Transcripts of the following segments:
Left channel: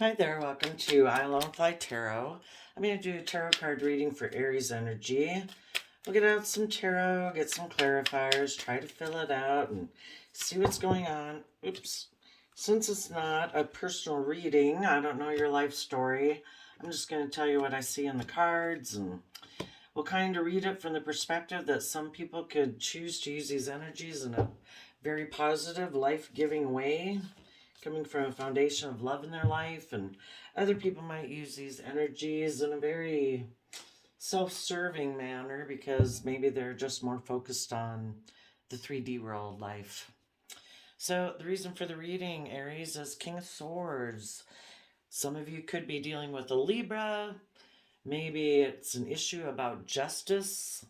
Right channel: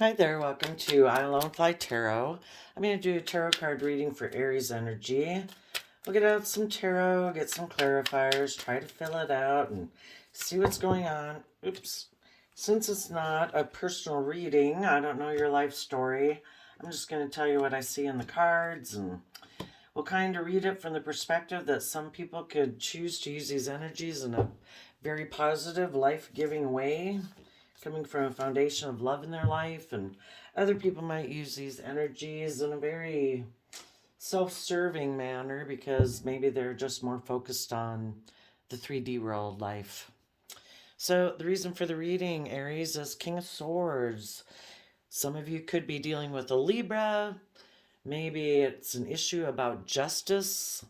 Hi there, welcome to I Alone Fly Tarot. I'm going to do a tarot card reading for Aries energy. We'll get out some tarot, get some clarifiers, try to fill it out and see what's going on. Oops. Since it's not a personal reading, I don't know your life story, I'm just going to tell you what I see in the cards, and we'll kind of read it from the perspective that some people could choose to use these energies in a very positive, life-giving way, coming from a foundation of love in their life, and other people might use these energies in a very self-serving manner because maybe they're just more focused on the 3D world life. So the reason for the reading, Aries, is King of Swords. Some of you could be dealing with a Libra. Maybe it's an issue about justice.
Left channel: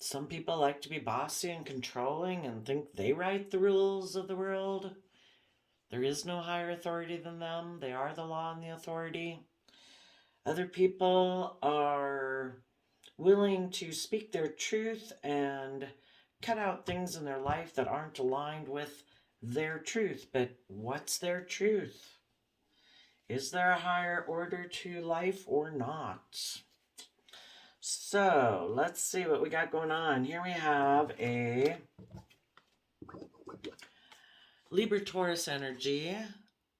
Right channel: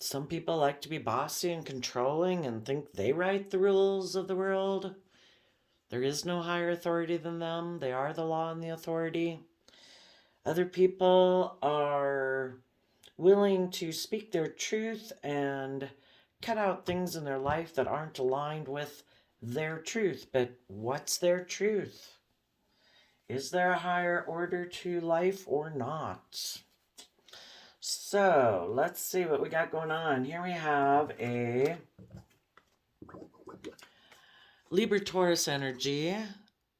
Some people like to be bossy and controlling and think they write the rules of the world. There is no higher authority than them. They are the law and the authority. Other people are willing to speak their truth and cut out things in their life that aren't aligned with their truth. But what's their truth? Is there a higher order to life or not? So let's see what we got going on. Here we have a Libra Taurus energy,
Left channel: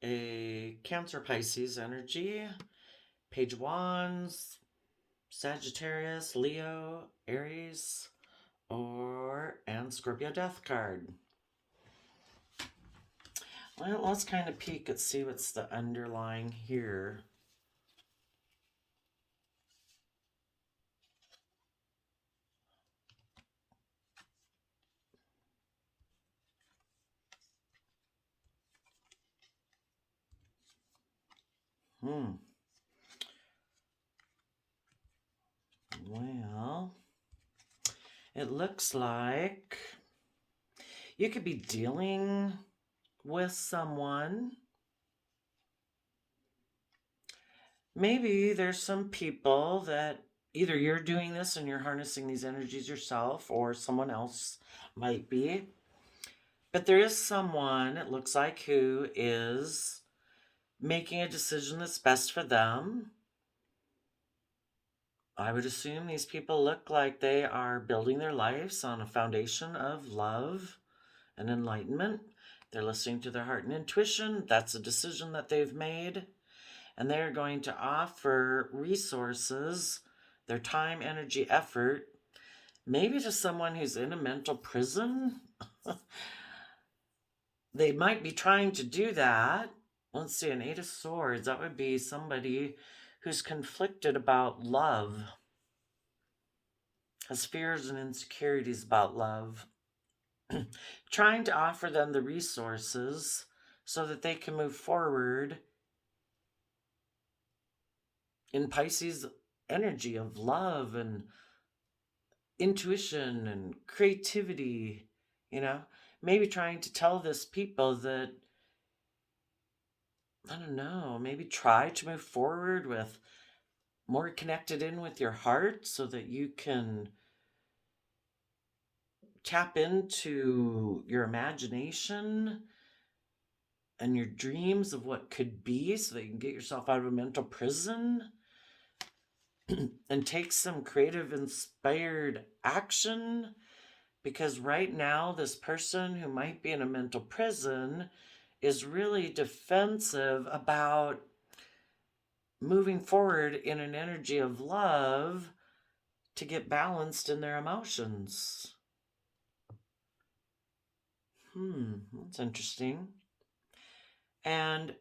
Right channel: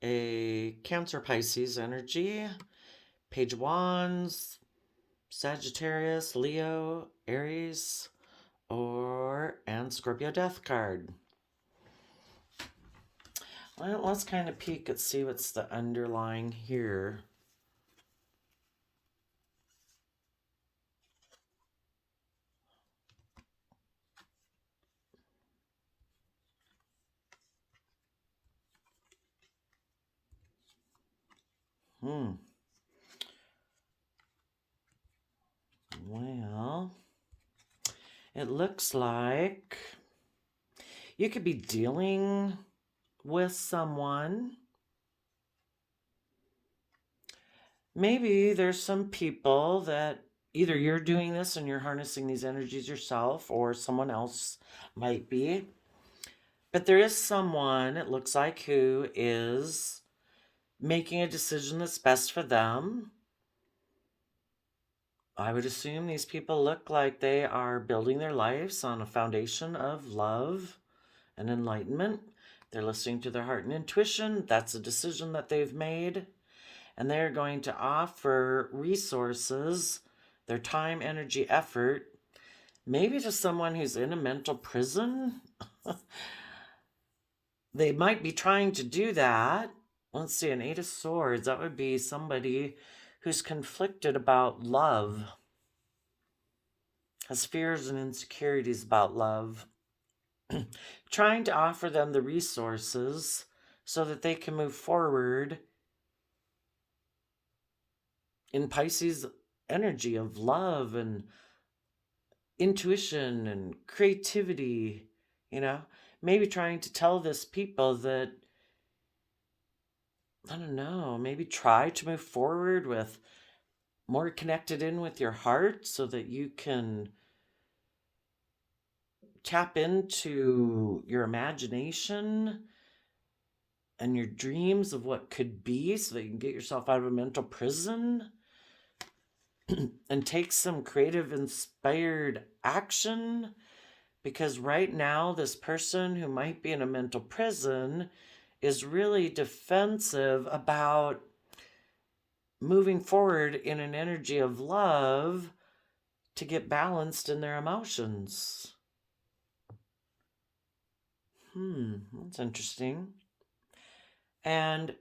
a Cancer Pisces energy, Page of Wands, Sagittarius, Leo, Aries, and Scorpio Death card. Well, let's kind of peek and see what's the underlying here. Well, it looks like you could be dealing with someone. Maybe there's some people that either you're doing this and you're harnessing these energies yourself, or someone else might be. But there is someone, it looks like, who is making a decision that's best for them. I would assume these people look like they are building their lives on a foundation of love and enlightenment. They're listening to their heart and intuition. That's a decision that they've made. And they're going to offer resources, their time, energy, effort, maybe to someone who's in a mental prison. They might be trying to do that. Let's see, an Eight of Swords. That would be somebody who's conflicted about love, has fears and insecurities about love, trying to offer them the resources so that they can move forward in Pisces energy of love and intuition and creativity, maybe trying to tell this people that, I don't know, maybe try to move forward with more connected in with your heart so that you can tap into your imagination and your dreams of what could be so that you can get yourself out of a mental prison and take some creative, inspired action. Because right now, this person who might be in a mental prison is really defensive about moving forward in an energy of love to get balanced in their emotions. That's interesting. And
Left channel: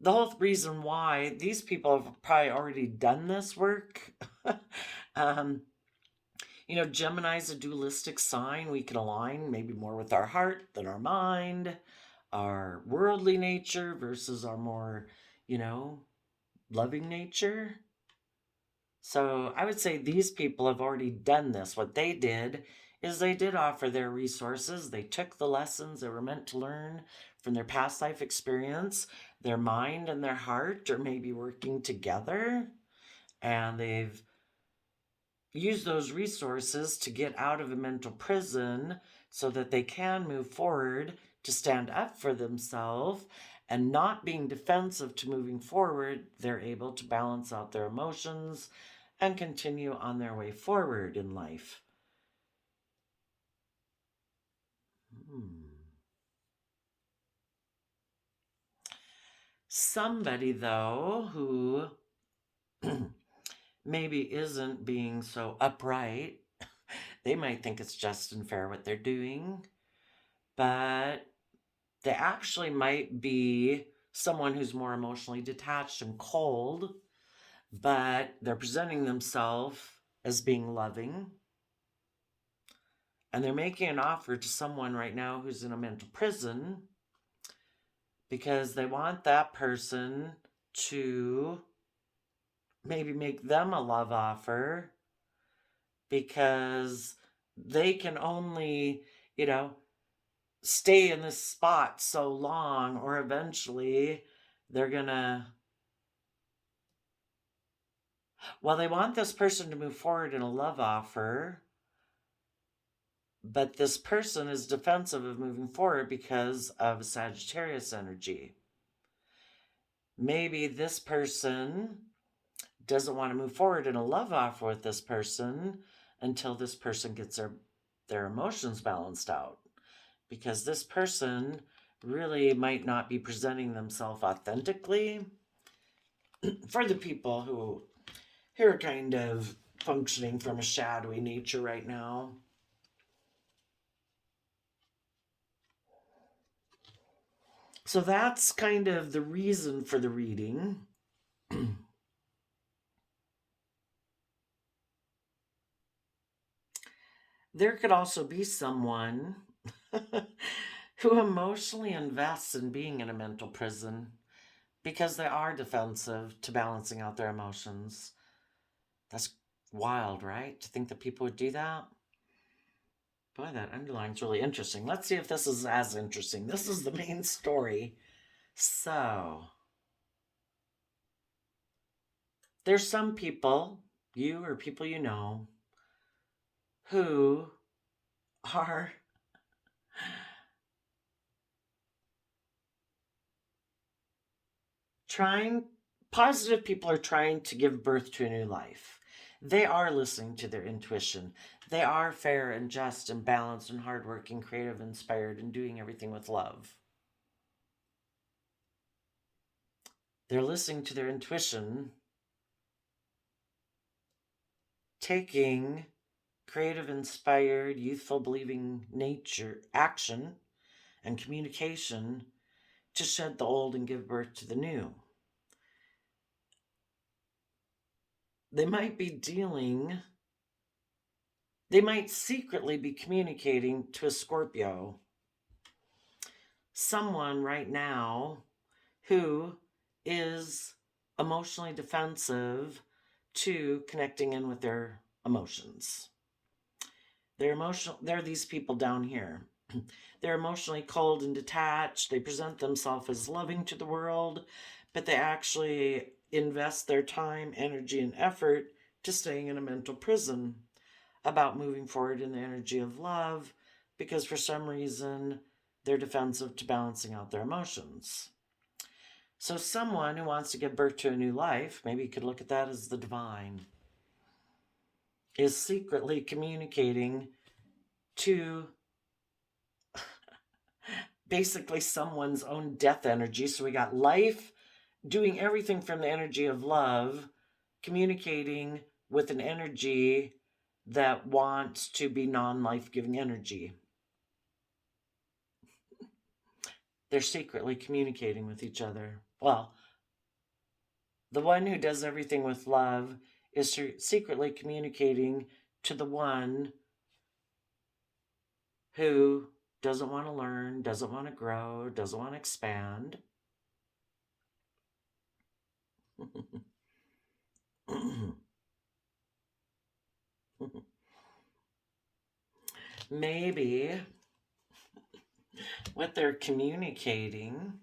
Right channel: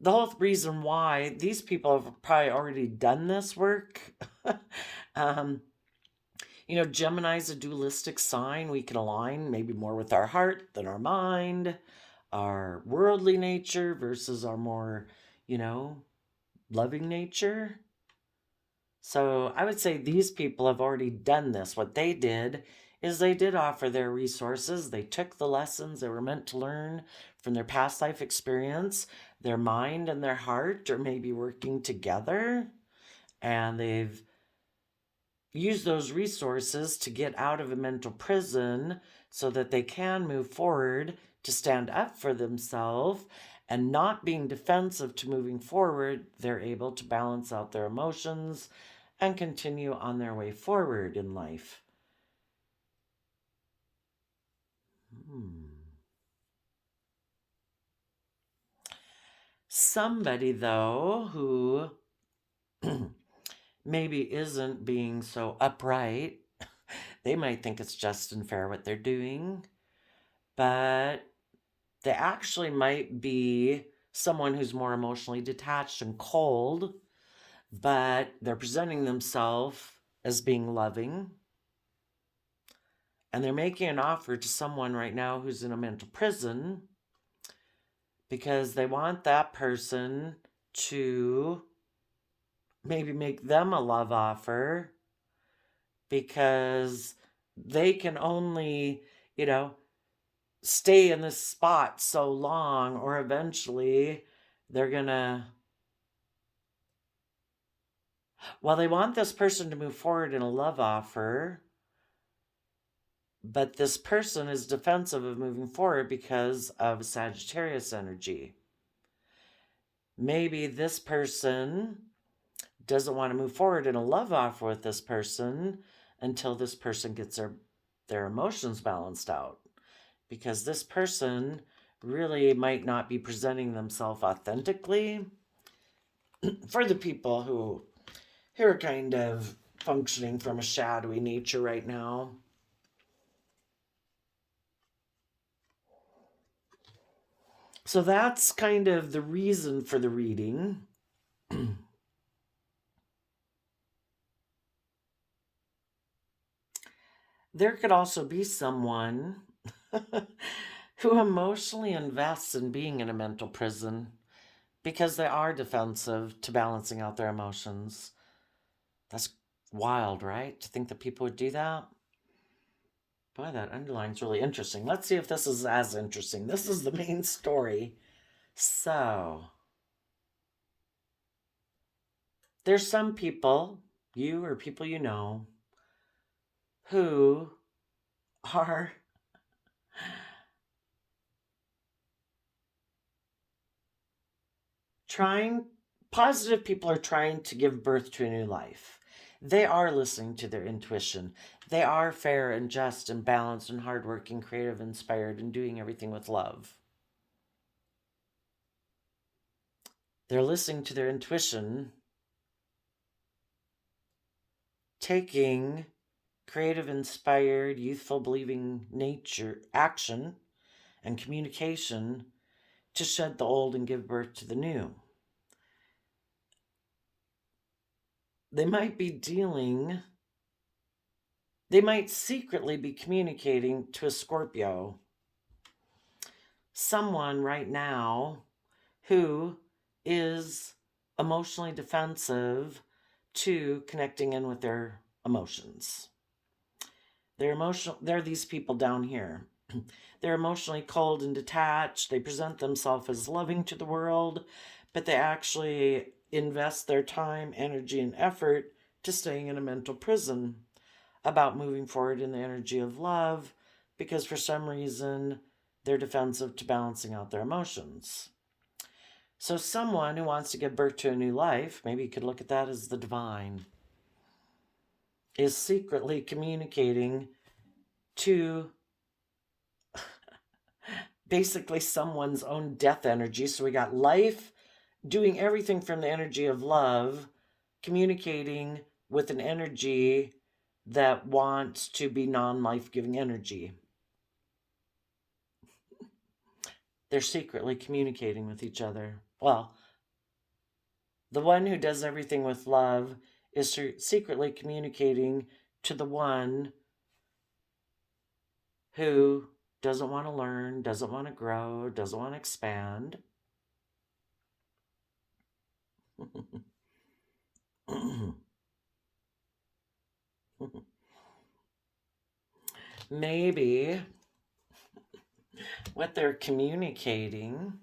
the whole reason why these people have probably already done this work. Gemini's a dualistic sign. We can align maybe more with our heart than our mind, our worldly nature versus our more, loving nature. So I would say these people have already done this. What they did is they did offer their resources. They took the lessons they were meant to learn from their past life experience. Their mind and their heart are maybe working together, and they've used those resources to get out of a mental prison so that they can move forward to stand up for themselves and not being defensive to moving forward, they're able to balance out their emotions and continue on their way forward in life. Somebody, though, who maybe isn't being so upright, they might think it's just and fair what they're doing, but they actually might be someone who's more emotionally detached and cold, but they're presenting themselves as being loving. And they're making an offer to someone right now who's in a mental prison because they want that person to maybe make them a love offer, because they can only, stay in this spot so long, or eventually they're gonna, well, they want this person to move forward in a love offer, but this person is defensive of moving forward because of Sagittarius energy. Maybe this person doesn't want to move forward in a love offer with this person until this person gets their emotions balanced out, because this person really might not be presenting themselves authentically for the people who are kind of functioning from a shadowy nature right now. So that's kind of the reason for the reading. There could also be someone who emotionally invests in being in a mental prison because they are defensive to balancing out their emotions. That's wild, right? To think that people would do that. Boy, that underline's really interesting. Let's see if this is as interesting. This is the main story. So, there's some people, you or people you know, who are positive people are trying to give birth to a new life. They are listening to their intuition. They are fair and just and balanced and hardworking, creative, inspired, and doing everything with love. They're listening to their intuition, taking creative, inspired, youthful, believing nature, action, and communication to shed the old and give birth to the new. They might secretly be communicating to a Scorpio, someone right now who is emotionally defensive to connecting in with their emotions. They're these people down here. They're emotionally cold and detached. They present themselves as loving to the world, but they actually invest their time, energy, and effort to staying in a mental prison about moving forward in the energy of love, because for some reason they're defensive to balancing out their emotions. So someone who wants to give birth to a new life, maybe you could look at that as the divine, is secretly communicating to basically someone's own death energy. So we got life doing everything from the energy of love, communicating with an energy that wants to be non-life-giving energy. They're secretly communicating with each other. Well, the one who does everything with love is secretly communicating to the one who doesn't want to learn, doesn't want to grow, doesn't want to expand. Maybe what they're communicating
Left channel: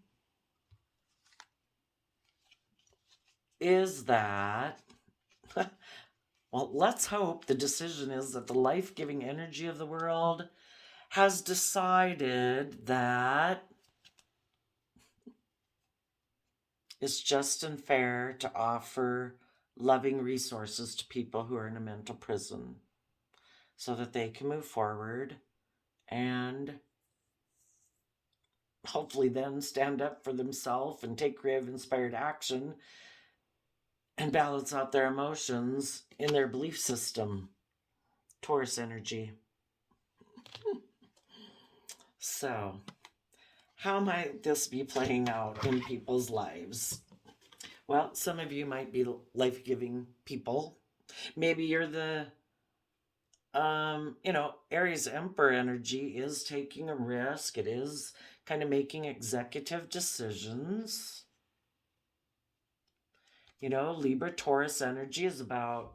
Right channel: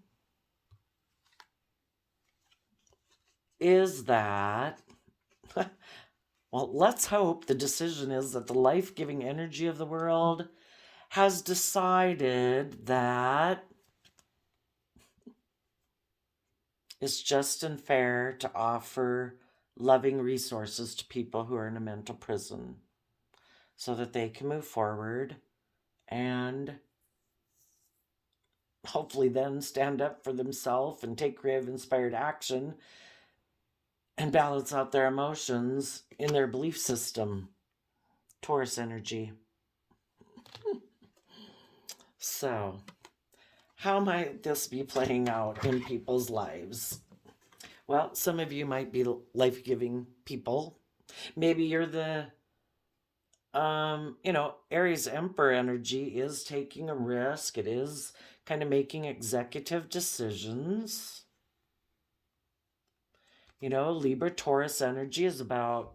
is that, well, let's hope the decision is that the life-giving energy of the world has decided that It's just and fair to offer loving resources to people who are in a mental prison so that they can move forward and hopefully then stand up for themselves and take creative inspired action and balance out their emotions in their belief system. Taurus energy. So, how might this be playing out in people's lives? Well, some of you might be life-giving people. Maybe you're the Aries Emperor energy is taking a risk. It is kind of making executive decisions. Libra Taurus energy is about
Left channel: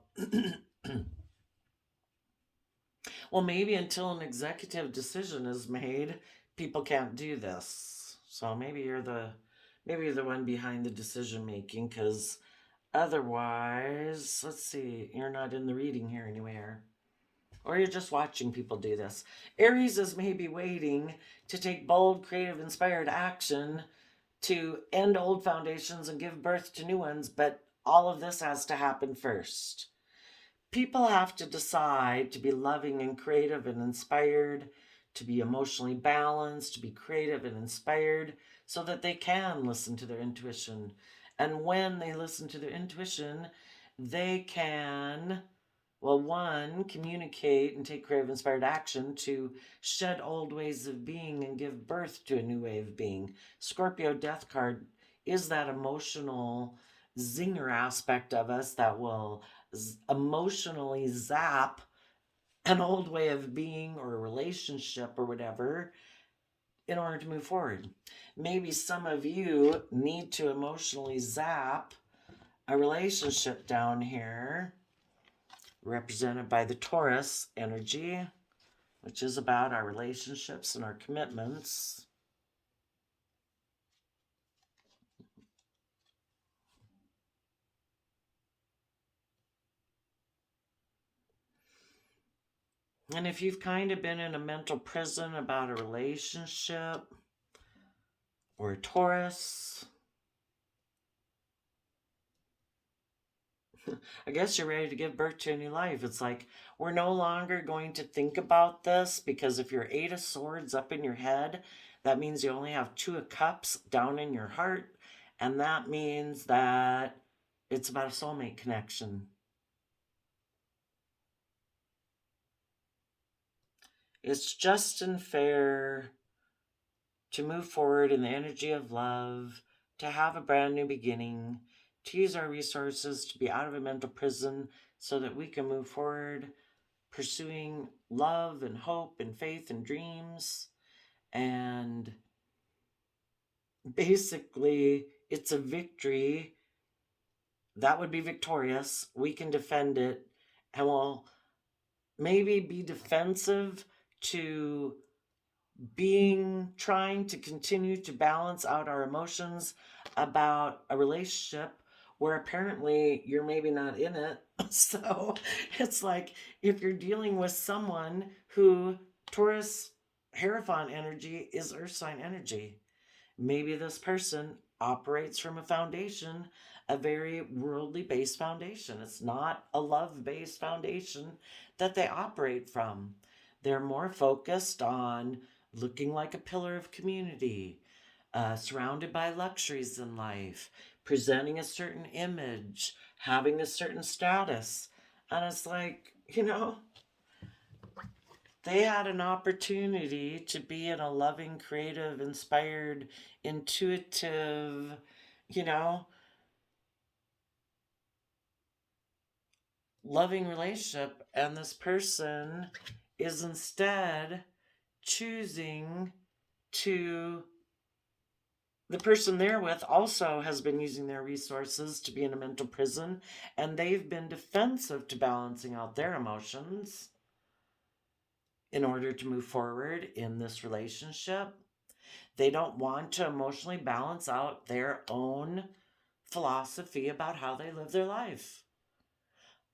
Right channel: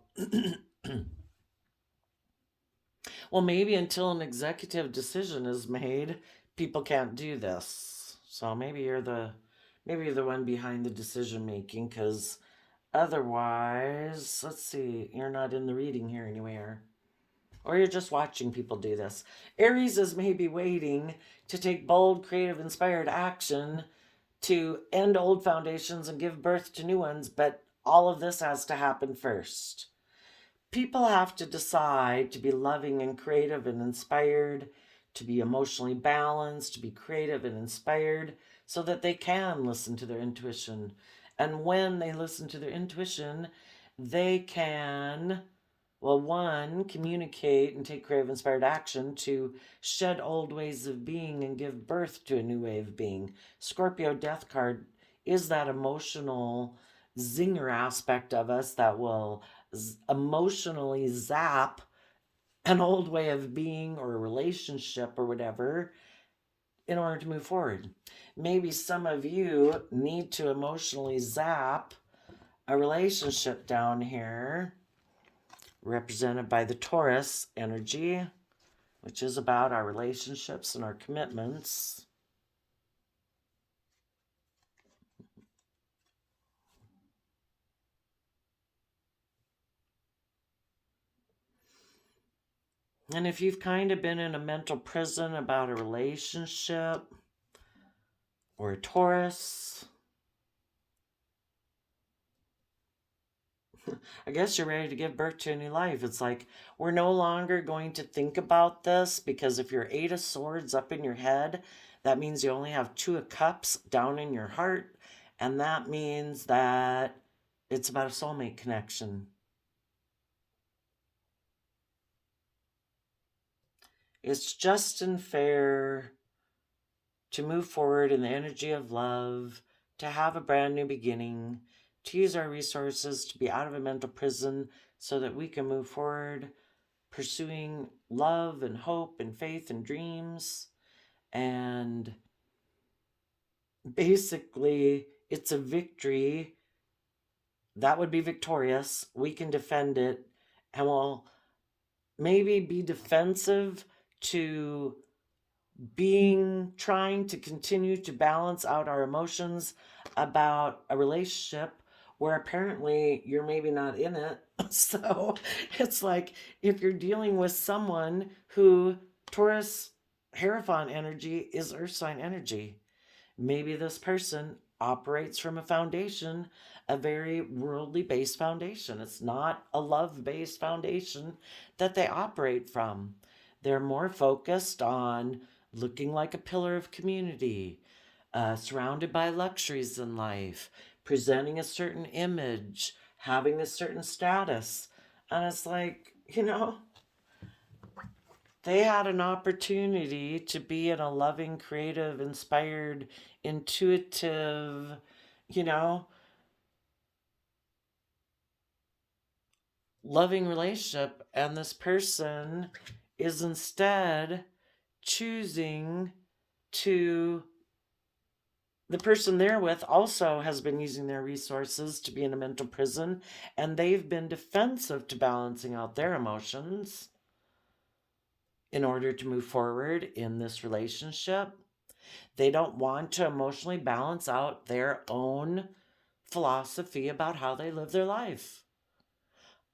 well, maybe until an executive decision is made, people can't do this. So maybe you're the one behind the decision making, because otherwise, let's see, you're not in the reading here anywhere. Or you're just watching people do this. Aries is maybe waiting to take bold, creative, inspired action to end old foundations and give birth to new ones, but all of this has to happen first. People have to decide to be loving and creative and inspired, to be emotionally balanced, to be creative and inspired, so that they can listen to their intuition. And when they listen to their intuition, they can, well, one, communicate and take creative inspired action to shed old ways of being and give birth to a new way of being. Scorpio death card is that emotional zinger aspect of us that will emotionally zap an old way of being or a relationship or whatever in order to move forward. Maybe some of you need to emotionally zap a relationship down here, represented by the Taurus energy, which is about our relationships and our commitments. And if you've kind of been in a mental prison about a relationship or a Taurus, I guess you're ready to give birth to a new life. It's like, we're no longer going to think about this, because if you're 8 of Swords up in your head, that means you only have 2 of Cups down in your heart. And that means that it's about a soulmate connection. It's just and fair to move forward in the energy of love, to have a brand new beginning, to use our resources to be out of a mental prison so that we can move forward pursuing love and hope and faith and dreams. And basically, it's a victory that would be victorious. We can defend it, and we'll maybe be defensive to trying to continue to balance out our emotions about a relationship where apparently you're maybe not in it. So it's like, if you're dealing with someone who, Taurus Hierophant energy is earth sign energy, maybe this person operates from a foundation, a very worldly based foundation. It's not a love based foundation that they operate from. They're more focused on looking like a pillar of community, surrounded by luxuries in life, presenting a certain image, having a certain status. And it's like, they had an opportunity to be in a loving, creative, inspired, intuitive, loving relationship. And this person is instead choosing to, the person they're with also has been using their resources to be in a mental prison, and they've been defensive to balancing out their emotions in order to move forward in this relationship. They don't want to emotionally balance out their own philosophy about how they live their life.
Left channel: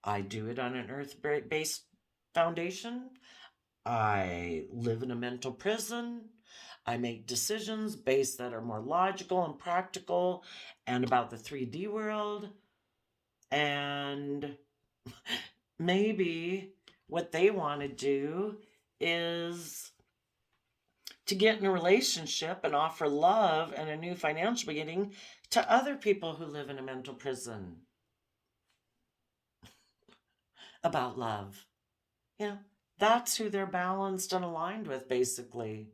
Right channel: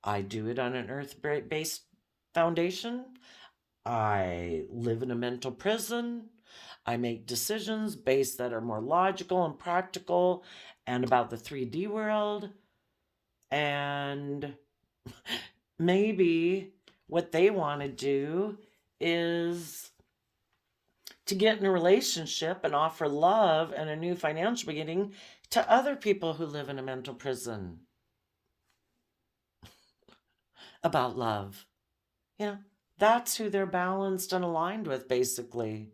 I do it on an earth-based foundation. I live in a mental prison. I make decisions based that are more logical and practical and about the 3D world. And maybe what they want to do is to get in a relationship and offer love and a new financial beginning to other people who live in a mental prison about love. You know, that's who they're balanced and aligned with, basically.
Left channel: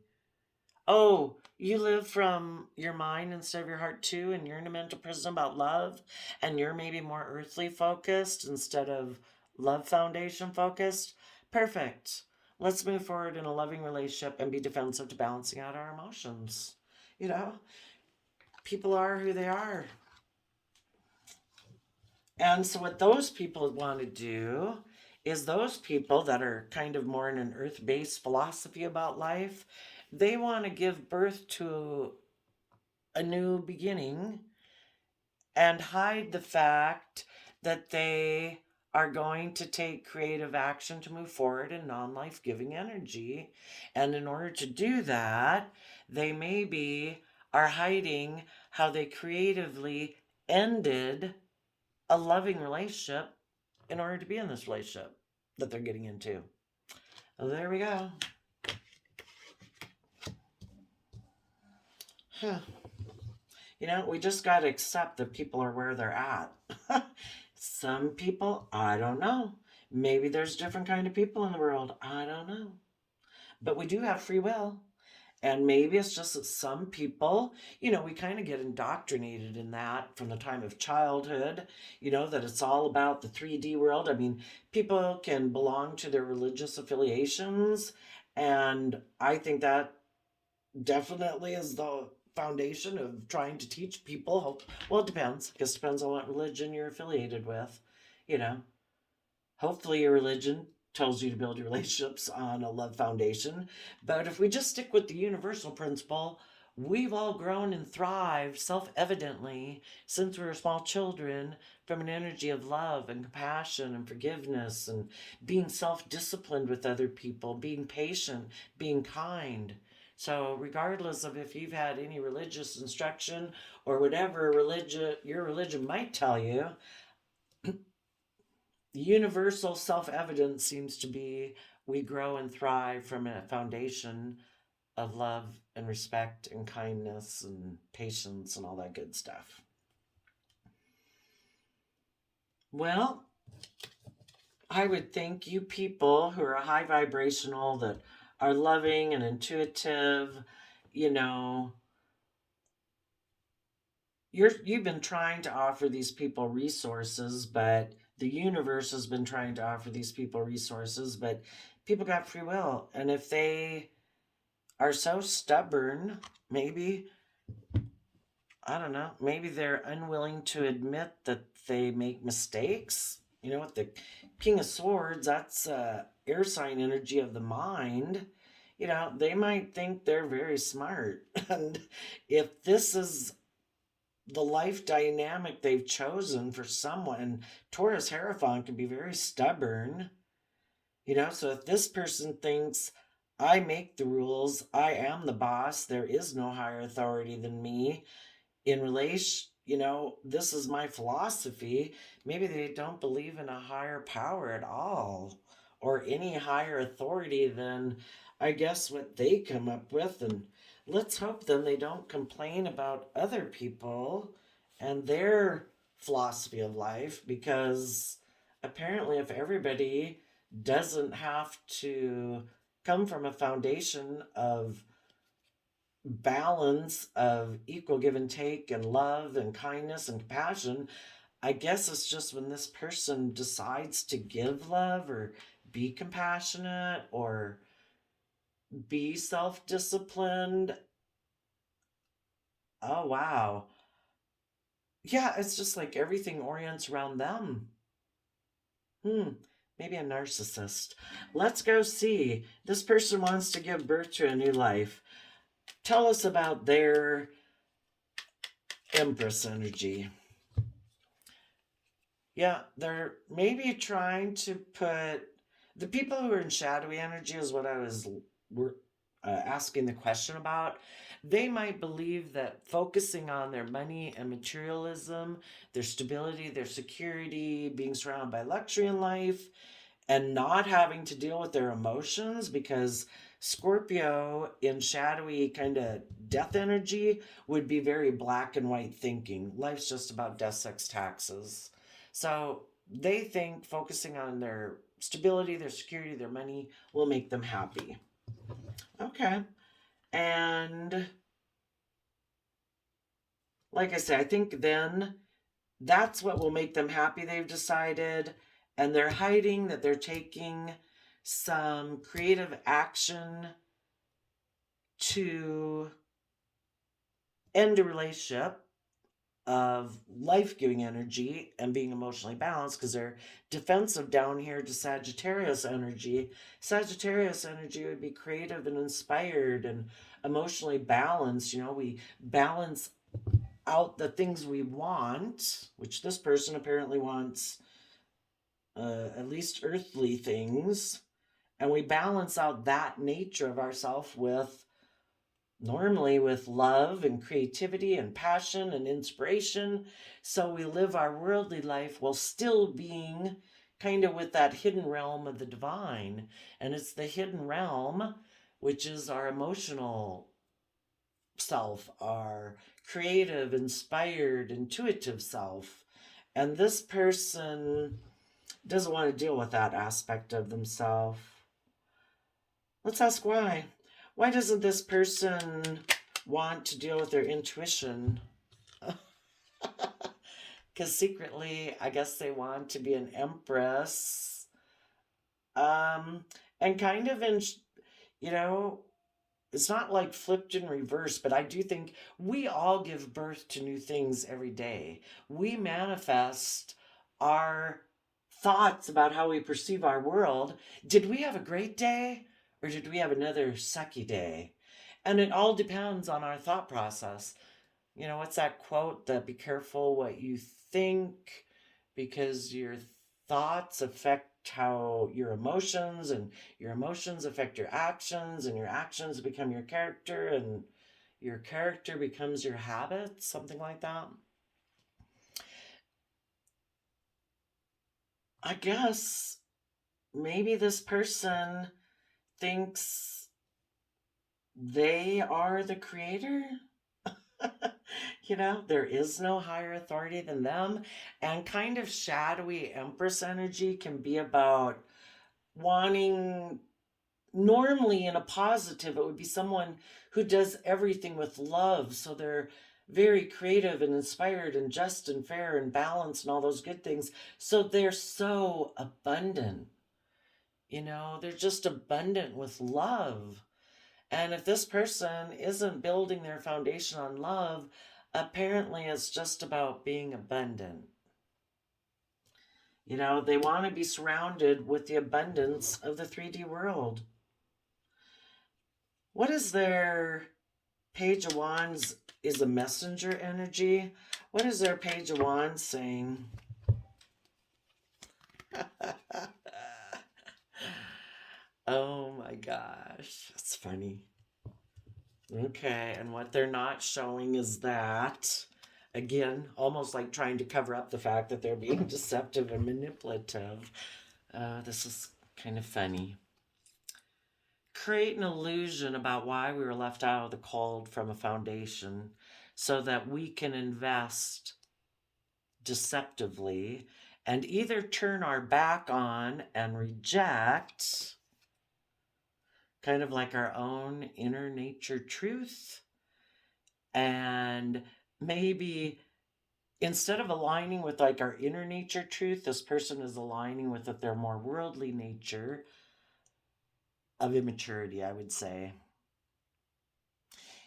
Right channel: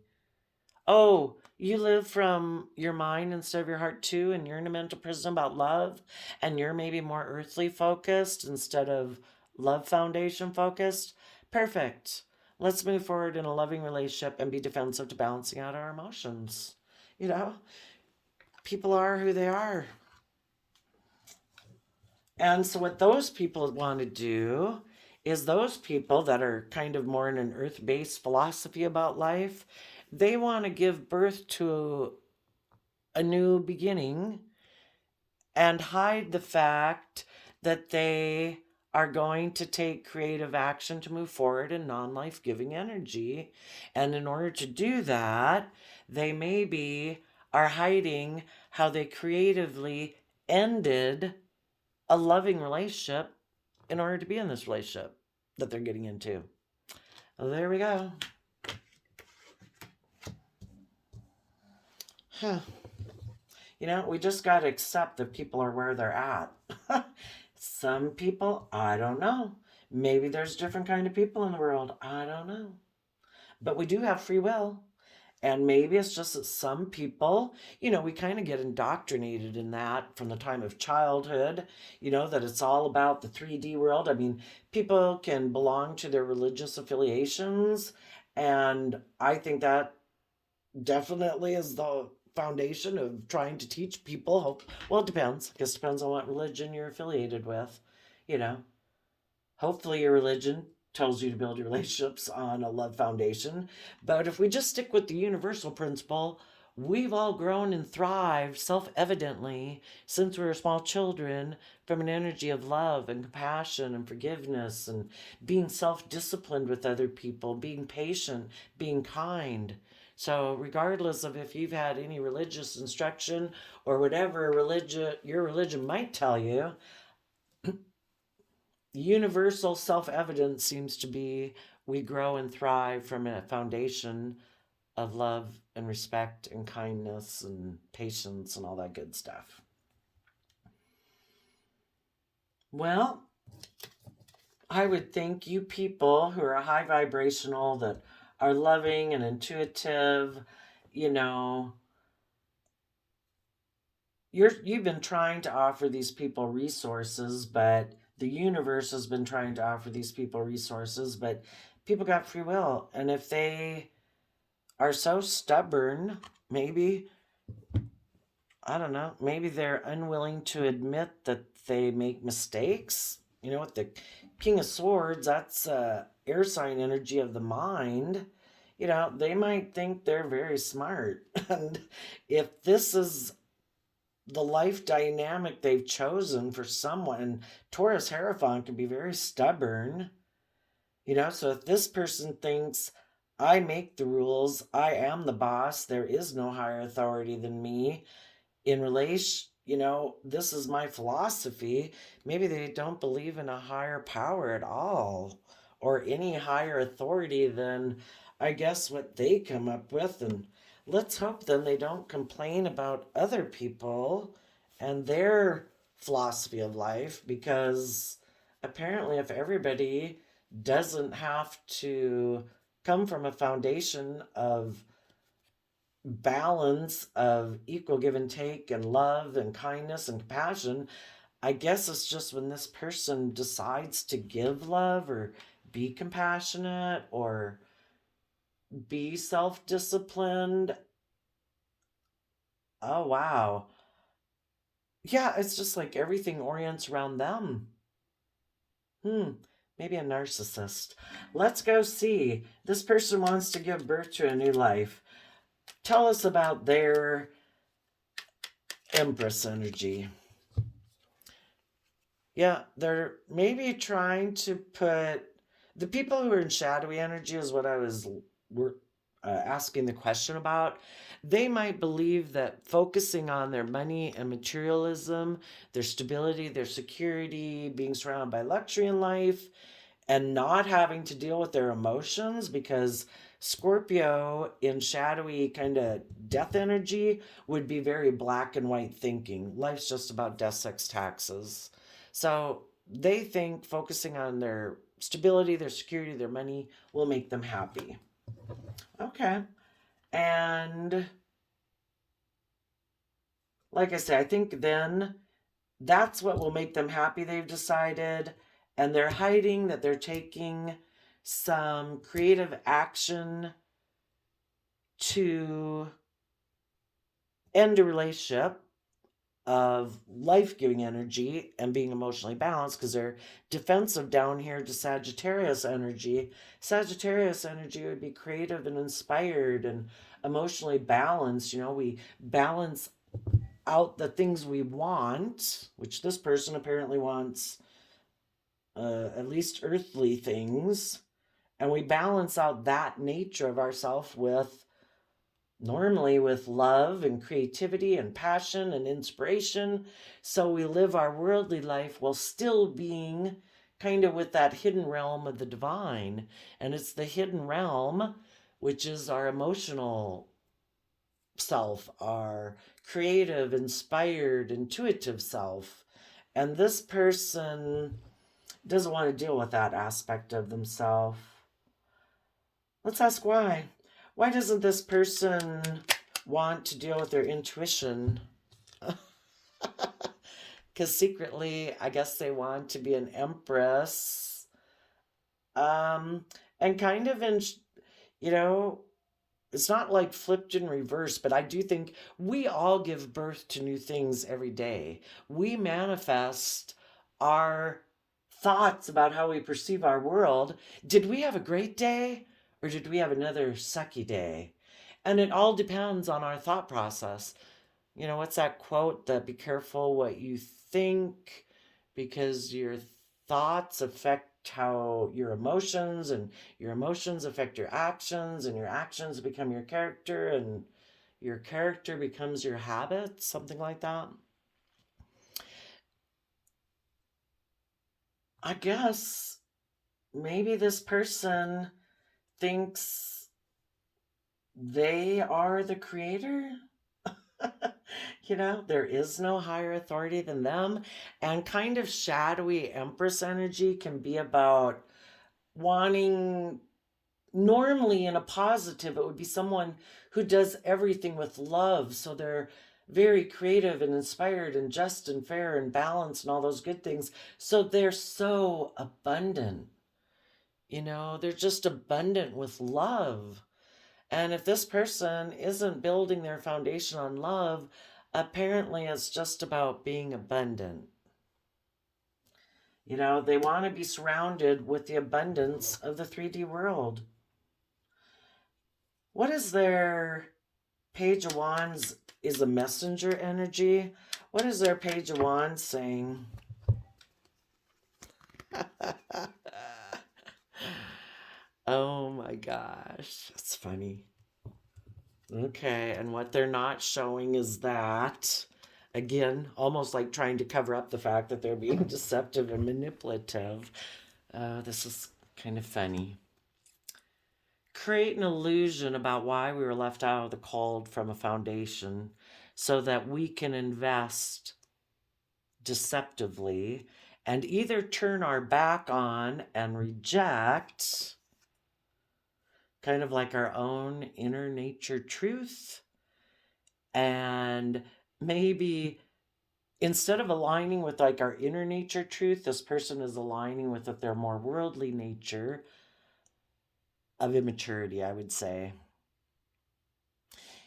Oh, you live from your mind instead of your heart too, and you're in a mental prison about love, and you're maybe more earthly focused instead of love foundation focused. Perfect. Let's move forward in a loving relationship and be defensive to balancing out our emotions. You know, people are who they are. And so, what those people want to do is those people that are kind of more in an earth based philosophy about life, they want to give birth to a new beginning and hide the fact that they are going to take creative action to move forward in non life giving energy. And in order to do that, they maybe are hiding how they creatively ended a loving relationship in order to be in this relationship that they're getting into. Well, there we go. Huh. You know, we just got to accept that people are where they're at. Some people, I don't know. Maybe there's different kind of people in the world. I don't know. But we do have free will. And maybe it's just that some people, you know, we kind of get indoctrinated in that from the time of childhood, you know, that it's all about the 3D world. I mean, people can belong to their religious affiliations. And I think that definitely is the foundation of trying to teach people. Well, it depends. I guess it depends on what religion you're affiliated with, you know. Hopefully, your religion tells you to build your relationships on a love foundation. But if we just stick with the universal principle, we've all grown and thrived self evidently since we were small children from an energy of love and compassion and forgiveness and being self disciplined with other people, being patient, being kind. So, regardless of if you've had any religious instruction or whatever religion your religion might tell you, the universal self-evidence seems to be we grow and thrive from a foundation of love and respect and kindness and patience and all that good stuff. Well, I would think you people who are high vibrational, that are loving and intuitive, you know, you've been trying to offer these people resources, but the universe has been trying to offer these people resources, but people got free will. And if they are so stubborn, maybe, I don't know, maybe they're unwilling to admit that they make mistakes. You know, with the King of Swords, that's air sign energy of the mind. You know, they might think they're very smart. And if this is the life dynamic they've chosen for someone, Taurus Hierophant can be very stubborn. You know, so if this person thinks, I make the rules, I am the boss, there is no higher authority than me in relation, you know, this is my philosophy, maybe they don't believe in a higher power at all or any higher authority than, I guess, what they come up with. And let's hope then they don't complain about other people and their philosophy of life, because apparently if everybody doesn't have to come from a foundation of balance of equal give and take and love and kindness and compassion, I guess it's just when this person decides to give love or be compassionate or be self disciplined. Oh, wow. Yeah, it's just like everything orients around them. Hmm, maybe a narcissist. Let's go see. This person wants to give birth to a new life. Tell us about their Empress energy. Yeah, they're maybe trying to put the people who are in shadowy energy is what I was asking the question about, they might believe that focusing on their money and materialism, their stability, their security, being surrounded by luxury in life, and not having to deal with their emotions, because Scorpio in shadowy kind of death energy would be very black and white thinking. Life's just about death, sex, taxes. So they think focusing on their stability, their security, their money will make them happy. Okay. And like I say, I think then that's what will make them happy, they've decided. And they're hiding that they're taking some creative action to end a relationship of life-giving energy and being emotionally balanced, because they're defensive down here to Sagittarius energy. Sagittarius energy would be creative and inspired and emotionally balanced. You know, we balance out the things we want, which this person apparently wants at least earthly things, and we balance out that nature of ourself with normally with love and creativity and passion and inspiration. So we live our worldly life while still being kind of with that hidden realm of the divine. And it's the hidden realm, which is our emotional self, our creative, inspired, intuitive self. And this person doesn't want to deal with that aspect of themselves. Let's ask why. Why doesn't this person want to deal with their intuition? Because secretly, I guess they want to be an empress. And kind of in, you know, it's not like flipped in reverse, but I do think we all give birth to new things every day. We manifest our thoughts about how we perceive our world. Did we have a great day, or did we have another sucky day? And it all depends on our thought process. You know, what's that quote? That be careful what you think, because your thoughts affect how your emotions, and your emotions affect your actions, and your actions become your character, and your character becomes your habits, something like that. I guess maybe this person thinks they are the creator. You know, there is no higher authority than them. And kind of shadowy Empress energy can be about wanting, normally in a positive, it would be someone who does everything with love. So they're very creative and inspired and just and fair and balanced and all those good things. So they're so abundant. You know, they're just abundant with love. And if this person isn't building their foundation on love, apparently it's just about being abundant. You know, they want to be surrounded with the abundance of the 3D world. What is their Page of Wands? Is a messenger energy. What is their Page of Wands saying? Oh my gosh, it's funny. Okay, and what they're not showing is that, again, almost like trying to cover up the fact that they're being deceptive and manipulative. This is kind of funny. Create an illusion about why we were left out of the cold from a foundation, so that we can invest deceptively and either turn our back on and reject, kind of like our own inner nature truth, and maybe instead of aligning with like our inner nature truth, this person is aligning with their more worldly nature of immaturity, I would say.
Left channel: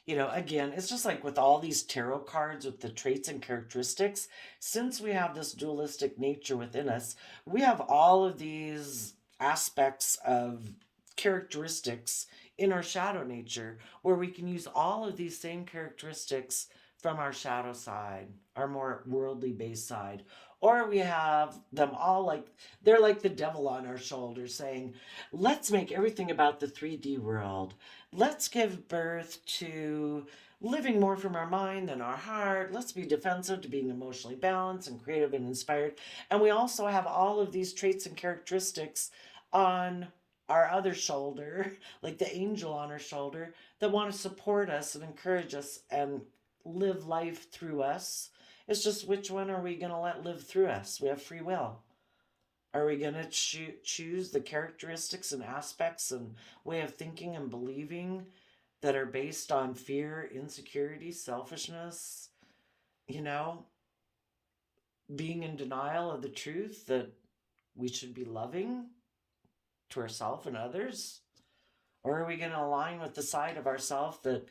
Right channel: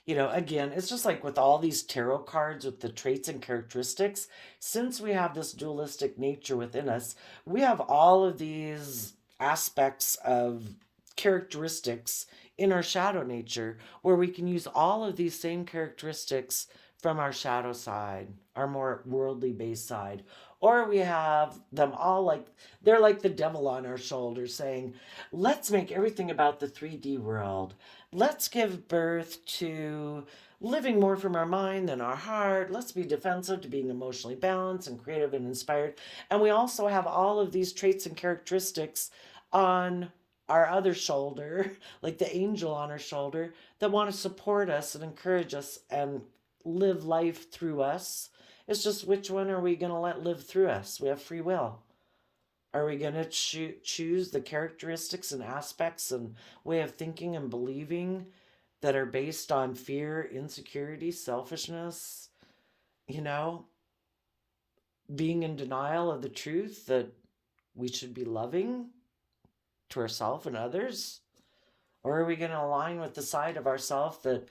You know, again, it's just like with all these tarot cards with the traits and characteristics, since we have this dualistic nature within us, we have all of these aspects of characteristics in our shadow nature, where we can use all of these same characteristics from our shadow side, our more worldly based side, Or we have them all like, they're like the devil on our shoulder saying, let's make everything about the 3D world. Let's give birth to living more from our mind than our heart. Let's be defensive to being emotionally balanced and creative and inspired. And we also have all of these traits and characteristics on our other shoulder, like the angel on our shoulder, that want to support us and encourage us and live life through us. It's just which one are we going to let live through us? We have free will. Are we going to choose the characteristics and aspects and way of thinking and believing that are based on fear, insecurity, selfishness, being in denial of the truth that we should be loving to ourselves and others? Or are we going to align with the side of ourselves that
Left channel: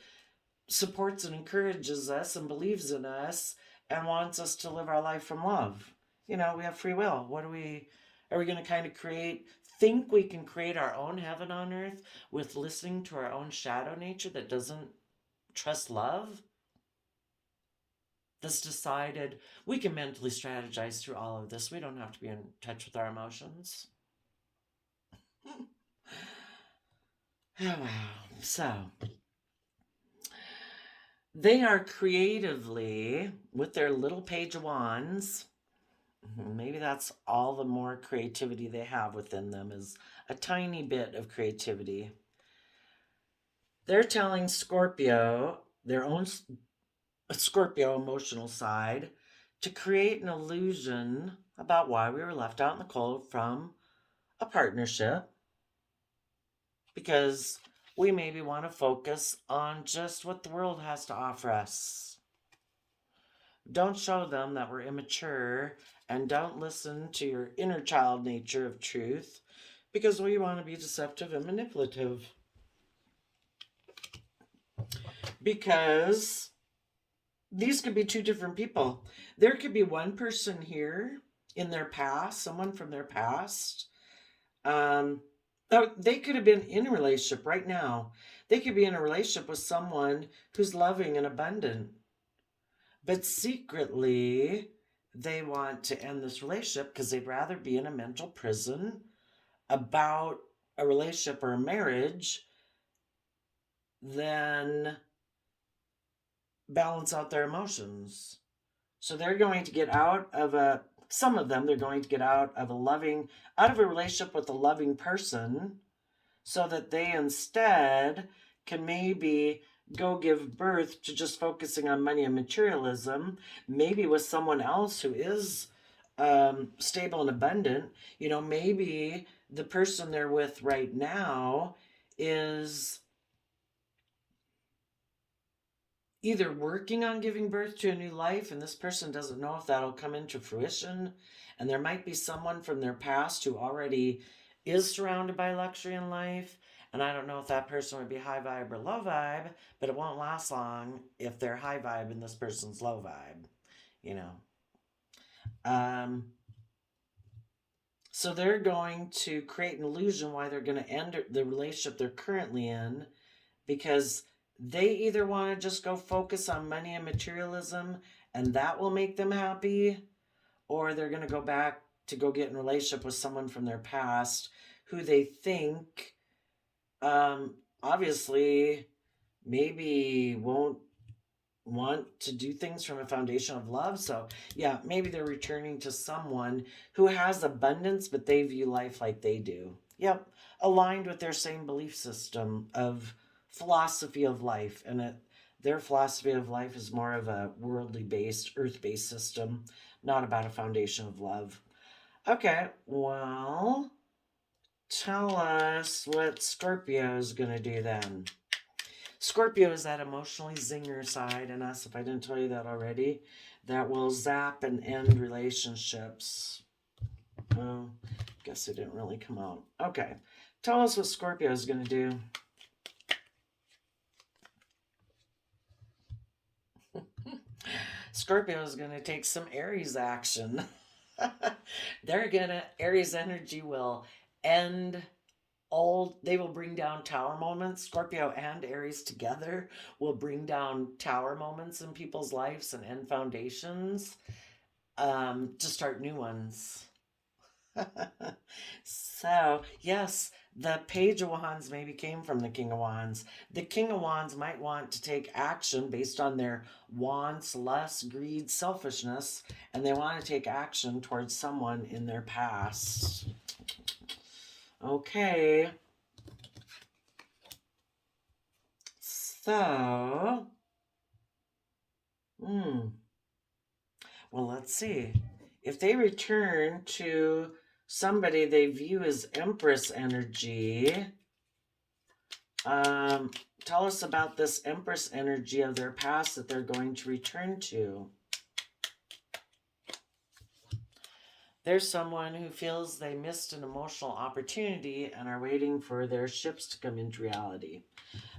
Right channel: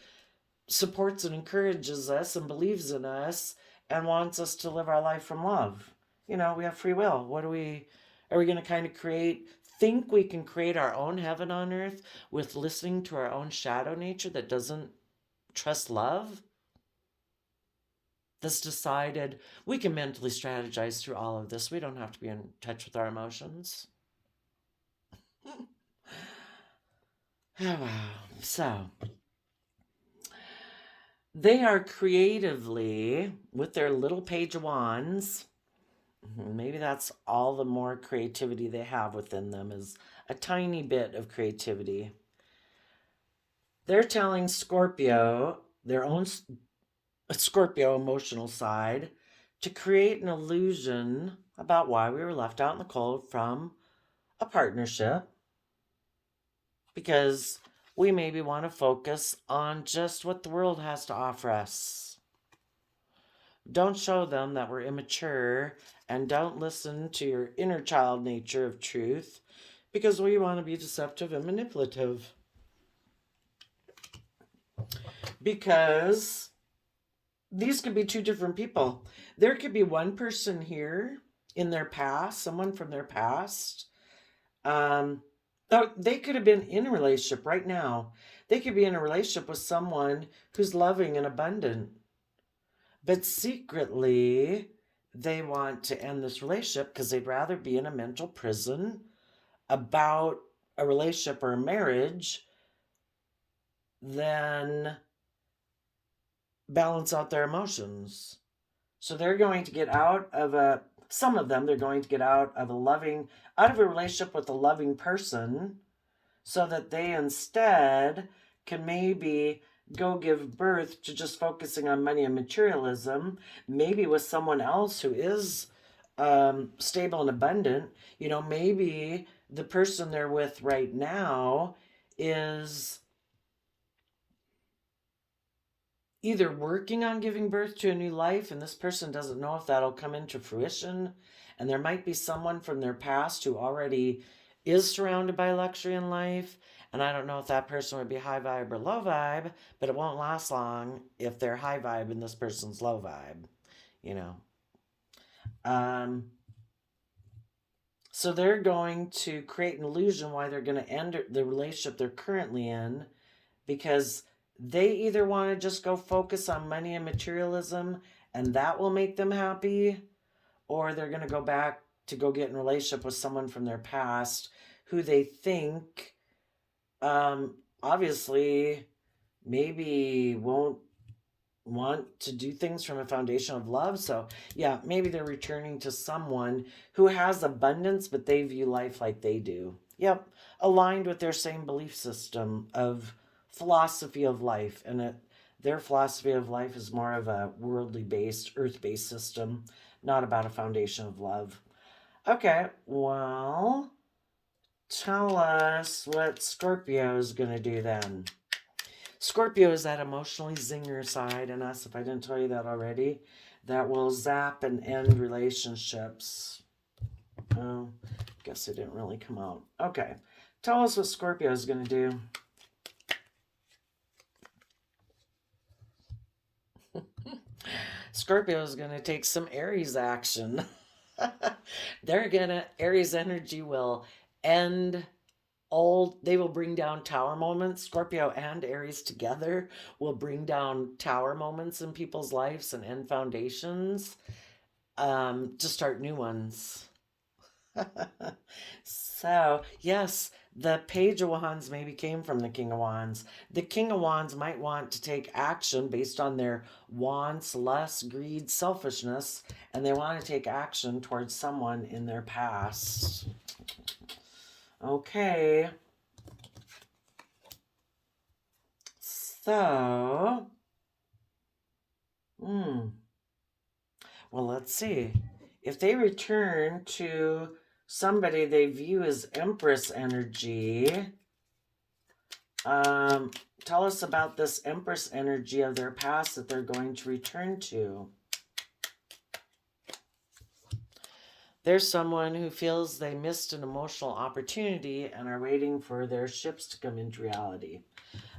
supports and encourages us and believes in us and wants us to live our life from love? We have free will. Are we going to kind of think we can create our own heaven on earth with listening to our own shadow nature that doesn't trust love? That's decided we can mentally strategize through all of this. We don't have to be in touch with our emotions. Oh, wow. So, they are creatively, with their little page of wands, maybe that's all the more creativity they have within them, is a tiny bit of creativity. They're telling Scorpio, their own Scorpio emotional side, to create an illusion about why we were left out in the cold from a partnership, because we maybe want to focus on just what the world has to offer us. Don't show them that we're immature, and don't listen to your inner child nature of truth, because we want to be deceptive and manipulative. Because these could be two different people. There could be one person here in their past, someone from their past. They could have been in a relationship right now. They could be in a relationship with someone who's loving and abundant. But secretly, they want to end this relationship because they'd rather be in a mental prison about a relationship or a marriage than balance out their emotions. So they're going to get out of some of them, they're going to get out of a relationship with a loving person so that they instead can maybe go give birth to just focusing on money and materialism, maybe with someone else who is stable and abundant. Maybe the person they're with right now is either working on giving birth to a new life, and this person doesn't know if that'll come into fruition, and there might be someone from their past who already is surrounded by luxury in life, and I don't know if that person would be high vibe or low vibe, but it won't last long if they're high vibe and this person's low vibe, So they're going to create an illusion why they're going to end the relationship they're currently in, because they either want to just go focus on money and materialism and that will make them happy, or they're going to go back to go get in a relationship with someone from their past who they think obviously maybe won't want to do things from a foundation of love. So yeah, maybe they're returning to someone who has abundance, but they view life like they do. Yep, aligned with their same belief system of philosophy of life. And their philosophy of life is more of a worldly based, earth based system, not about a foundation of love. Okay, well, tell us what Scorpio is going to do then. Scorpio is that emotionally zinger side in us, if I didn't tell you that already, that will zap and end relationships. Oh, guess it didn't really come out. Okay, tell us what Scorpio is going to do. Scorpio is going to take some Aries action. Aries energy will end they will bring down tower moments. Scorpio and Aries together will bring down tower moments in people's lives and end foundations. to start new ones. So, yes, the Page of Wands maybe came from the King of Wands. The King of Wands might want to take action based on their wants, lust, greed, selfishness, and they want to take action towards someone in their past. Okay. So, well, let's see. If they return to somebody they view as Empress energy, tell us about this Empress energy of their past that they're going to return to. There's someone who feels they missed an emotional opportunity and are waiting for their ships to come into reality.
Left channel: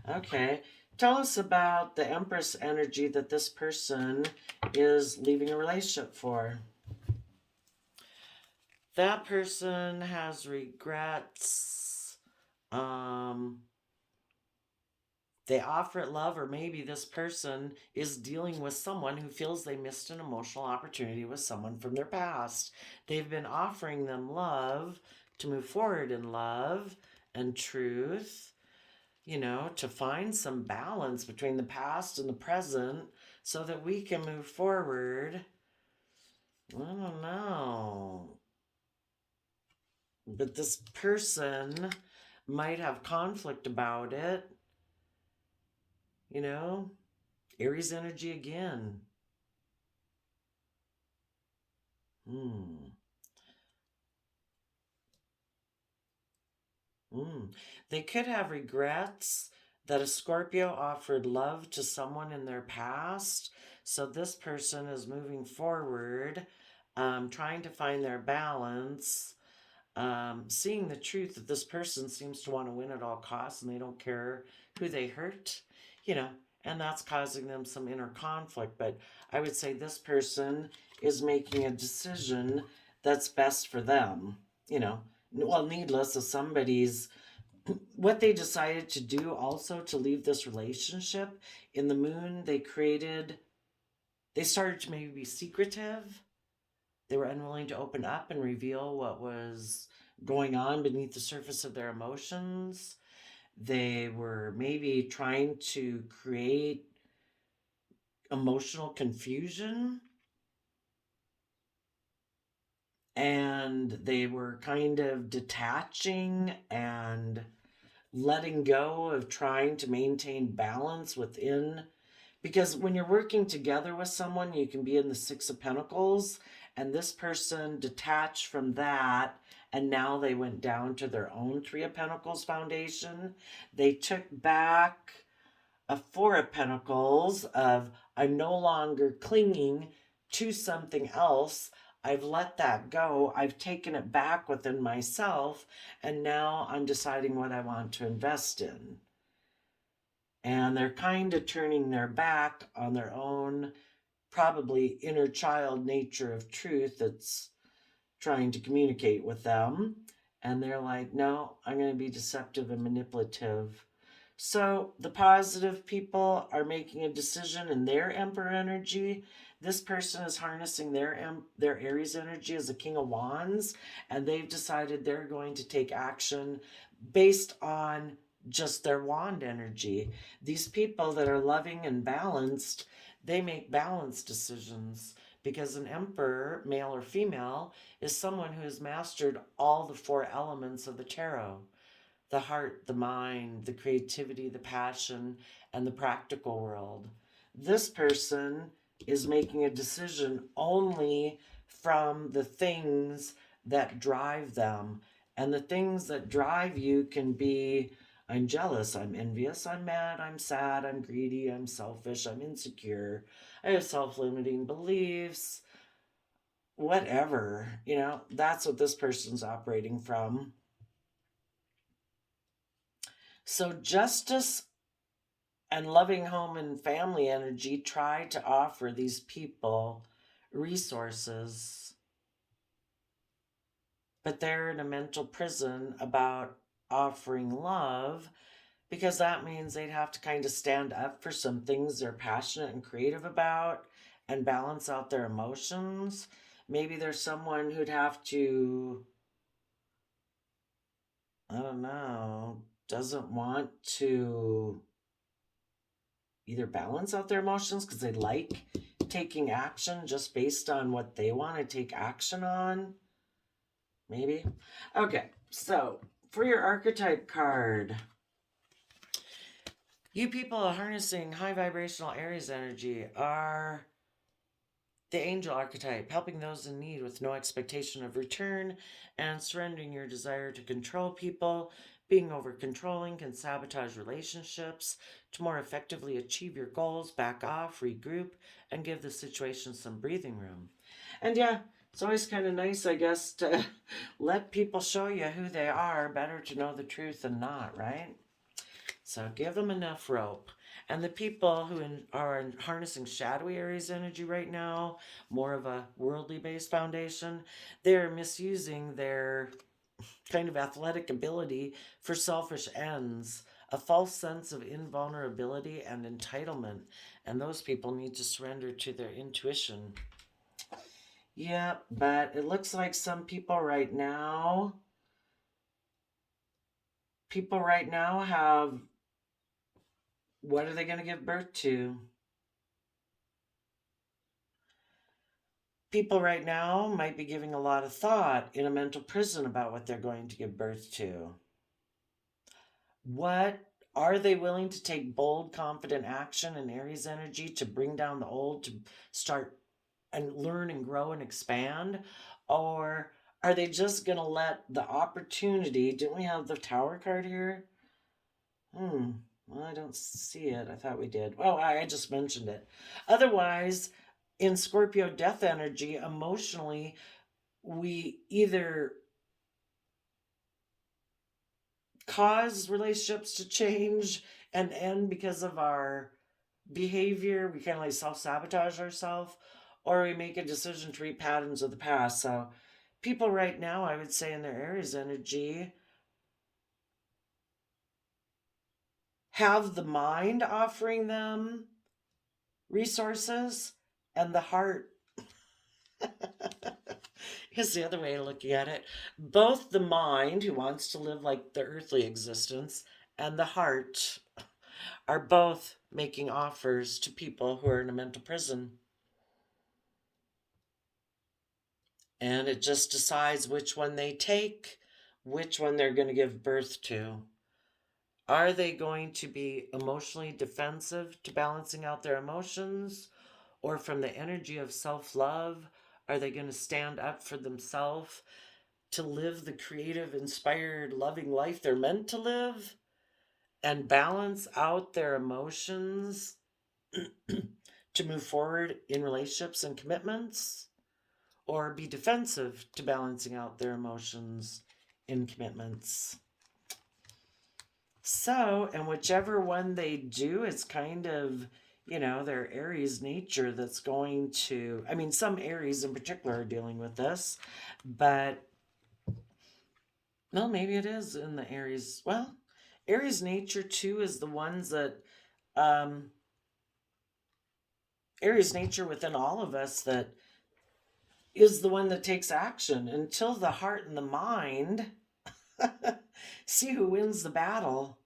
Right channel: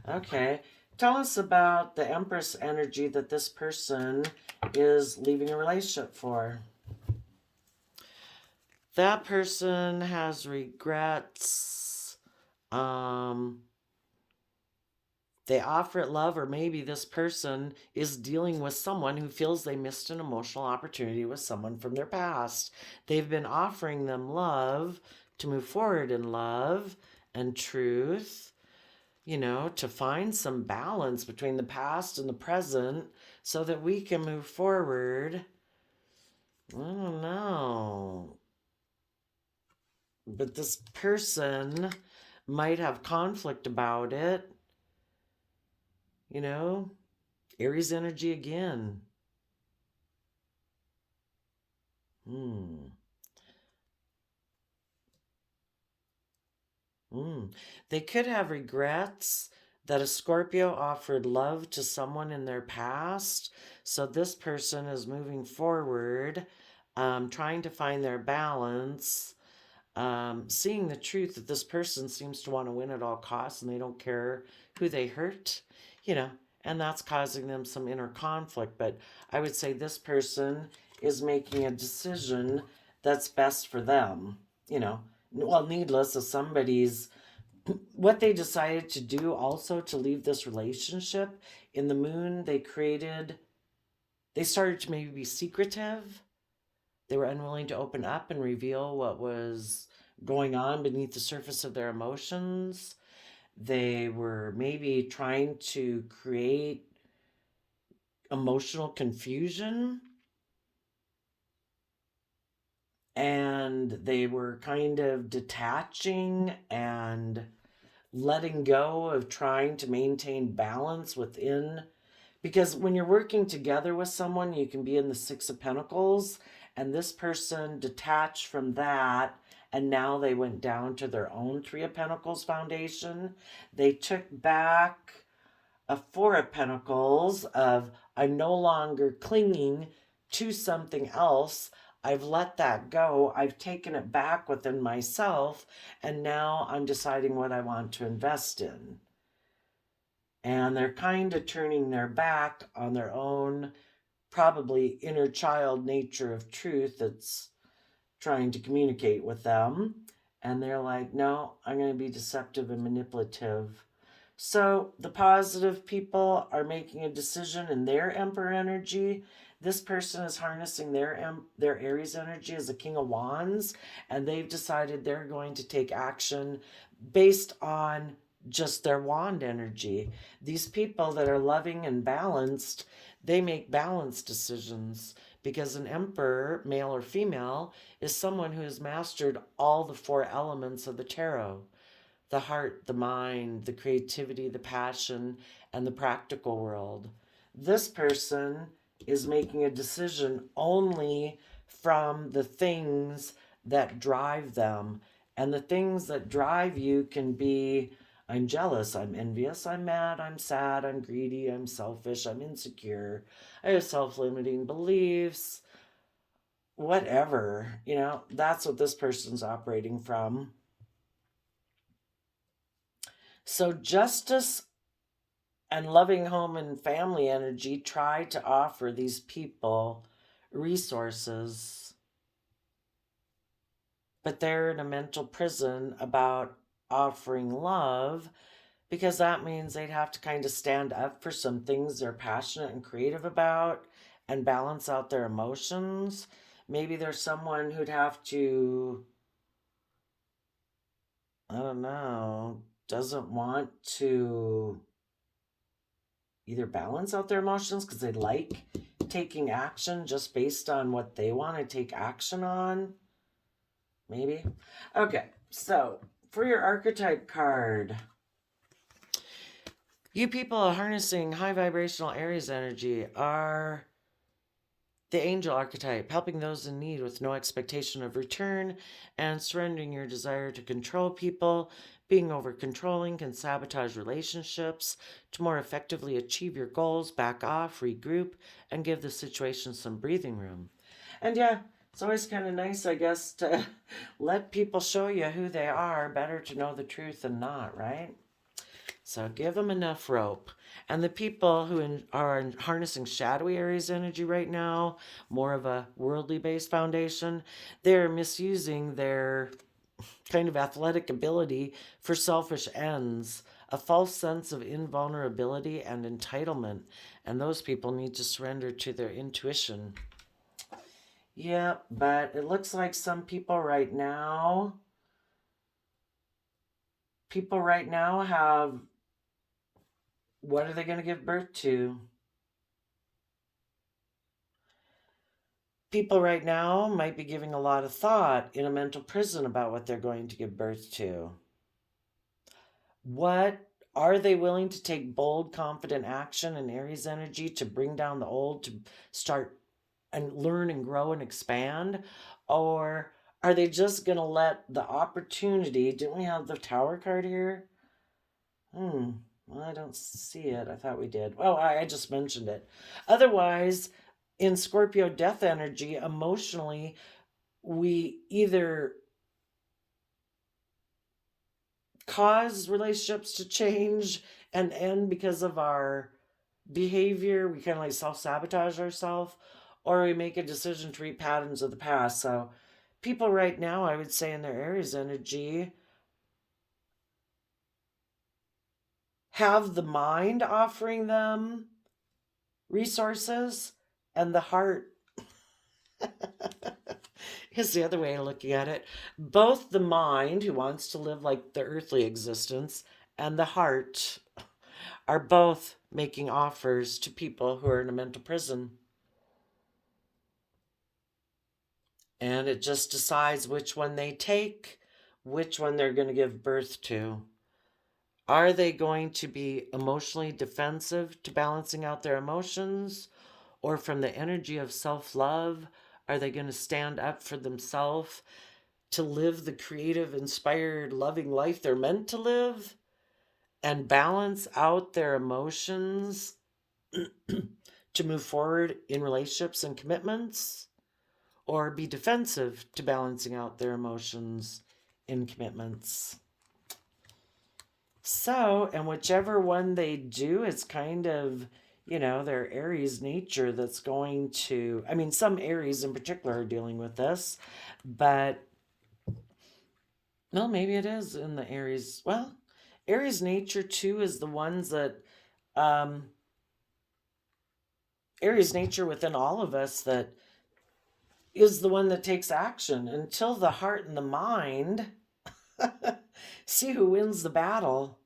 Okay. Tell us about the Empress energy that this person is leaving a relationship for. That person has regrets. They offer it love, or maybe this person is dealing with someone who feels they missed an emotional opportunity with someone from their past. They've been offering them love to move forward in love and truth, to find some balance between the past and the present so that we can move forward. I don't know. But this person might have conflict about it. Aries energy again. They could have regrets that a Scorpio offered love to someone in their past. So this person is moving forward, trying to find their balance, seeing the truth that this person seems to want to win at all costs and they don't care who they hurt, and that's causing them some inner conflict. But I would say this person is making a decision that's best for them, well, needless of somebody's what they decided to do also to leave this relationship. In the moon, they started to maybe be secretive. They were unwilling to open up and reveal what was going on beneath the surface of their emotions. They were maybe trying to create emotional confusion. And they were kind of detaching and letting go of trying to maintain balance within. Because when you're working together with someone, you can be in the Six of Pentacles, and this person detached from that, and now they went down to their own Three of Pentacles foundation. They took back a Four of Pentacles of, I'm no longer clinging to something else. I've let that go. I've taken it back within myself, and now I'm deciding what I want to invest in. And they're kind of turning their back on their own, probably inner child nature of truth that's trying to communicate with them. And they're like, no, I'm going to be deceptive and manipulative. So the positive people are making a decision in their Emperor energy. This person is harnessing their Aries energy as a King of Wands, and they've decided they're going to take action based on just their wand energy. These people that are loving and balanced, they make balanced decisions, because an emperor, male or female, is someone who has mastered all the four elements of the tarot: the heart, the mind, the creativity, the passion, and the practical world. This person is making a decision only from the things that drive them. And the things that drive you can be, I'm jealous, I'm envious, I'm mad, I'm sad, I'm greedy, I'm selfish, I'm insecure, I have self-limiting beliefs, whatever. That's what this person's operating from. So justice and loving home and family energy try to offer these people resources, but they're in a mental prison about offering love, because that means they'd have to kind of stand up for some things they're passionate and creative about and balance out their emotions. Maybe there's someone who'd have to, I don't know, doesn't want to either balance out their emotions because they like taking action just based on what they want to take action on. Maybe. Okay, so for your archetype card, you people harnessing high vibrational Aries energy are the angel archetype, helping those in need with no expectation of return and surrendering your desire to control people. Being over controlling can sabotage relationships. To more effectively achieve your goals, back off, regroup, and give the situation some breathing room. And yeah, it's always kind of nice, I guess, to let people show you who they are. Better to know the truth than not, right? So give them enough rope. And the people who are harnessing shadowy Aries energy right now, more of a worldly based foundation, they're misusing their kind of athletic ability for selfish ends, a false sense of invulnerability and entitlement. And those people need to surrender to their intuition. Yeah, but it looks like some people right now have, what are they going to give birth to? People right now might be giving a lot of thought in a mental prison about what they're going to give birth to. What are they willing to take bold, confident action in Aries energy to bring down the old, to start and learn and grow and expand? Or are they just going to let the opportunity? Didn't we have the Tower card here? Well, I don't see it. I thought we did. Oh, I just mentioned it. Otherwise, in Scorpio death energy, emotionally, we either cause relationships to change and end because of our behavior. We kind of like self-sabotage ourselves, or we make a decision to read patterns of the past. So people right now, I would say in their Aries energy, have the mind offering them resources and the heart is the other way of looking at it. Both the mind, who wants to live like the earthly existence, and the heart are both making offers to people who are in a mental prison. And it just decides which one they take, which one they're going to give birth to. Are they going to be emotionally defensive to balancing out their emotions? Or from the energy of self-love, are they going to stand up for themselves to live the creative, inspired, loving life they're meant to live and balance out their emotions to move forward in relationships and commitments? Or be defensive to balancing out their emotions in commitments? So, and whichever one they do, it's kind of, their Aries nature that's going to, I mean, some Aries in particular are dealing with this, but, well, maybe it is in the Aries. Well, Aries nature too is the ones that, Aries nature within all of us that is the one that takes action until the heart and the mind see who wins the battle.